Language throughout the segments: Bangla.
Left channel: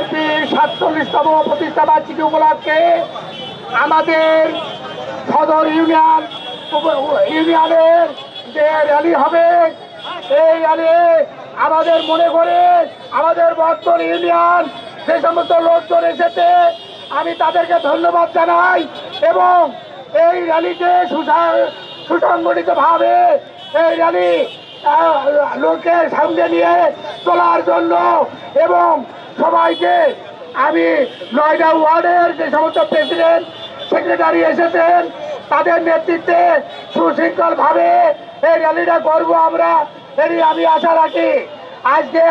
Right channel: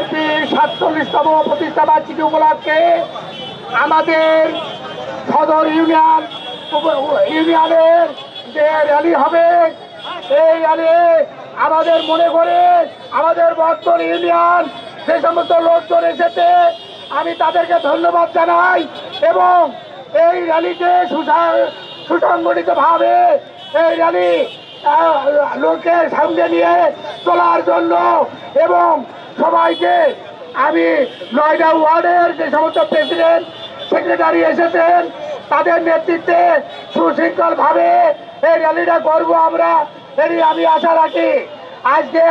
বিএনপির 47তম প্রতিষ্ঠা বার্ষিকী উপলক্ষে আমাদের সদর ইউনিয়নের যে র্যালি হবে, এই র্যালি আমাদের মনে করে আমাদের বর্তমান ইউনিয়ন যে সমস্ত লোকজন এসেছে আমি তাদেরকে ধন্যবাদ জানাই এবং এই র্যালিকে সুসংগঠিতভাবে এই র্যালি লোকের সঙ্গে নিয়ে চলার জন্য এবং সবাইকে আমি 9টা ওয়ার্ডের যে সমস্ত প্রেসিডেন্ট সেক্রেটারি এসেছেন তাদের নেতৃত্বে সুশৃঙ্খলভাবে এই র্যালিটা করবো আমরা, এরই আমি আশা রাখি। আজকে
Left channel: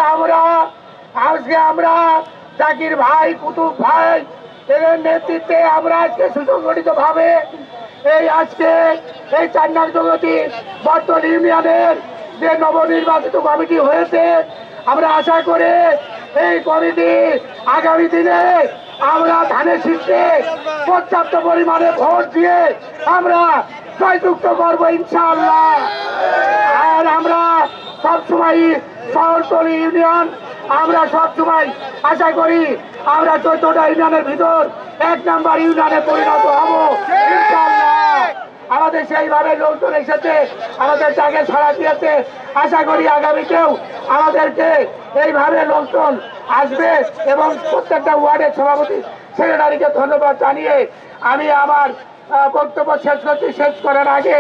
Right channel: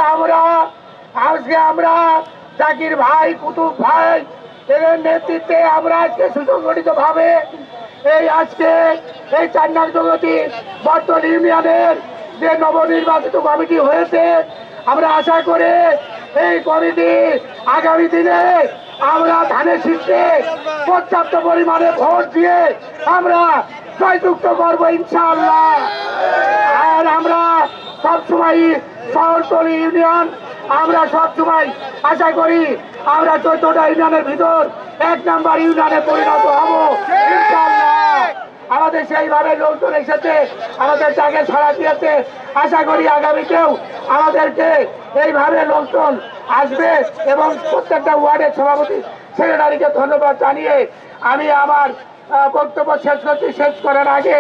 আমরা জাকির ভাই, কুতুব ভাই এদের নেতৃত্বে আমরা আজকে সুসংগঠিতভাবে আজকে এই 4 নং জগতি বর্তমান ইউনিয়নের যে নবনির্বাচিত কমিটি হয়েছে, আমরা আশা করে এই কমিটি আগামী দিনে আমরা ধানের শীর্ষে পর্যাপ্ত পরিমাণে ভোট দিয়ে আমরা জয়যুক্ত করবো ইনশাআল্লাহ। আর আমরা সবসময় শহরতলি ইউনিয়ন আমরা সবসময় আশা করি আমরা 14টা ইউনিয়নের ভিতর 1 নাম্বার ইউনিয়নে পরিণত হব ইনশাআল্লাহ। আমাদের সেইভাবে লোকজন এসেছে, আমাদের ডাকে সাড়া দিয়েছে, আশা করি আগামীতেও আমাদেরকে এইভাবে লোকজন আসবে এবং প্রত্যেকটা ওয়ার্ডের সভাপতি সেক্রেটারিকে ধন্যবাদ জানিয়ে আমি আমার বক্তব্য শেষ করার আগে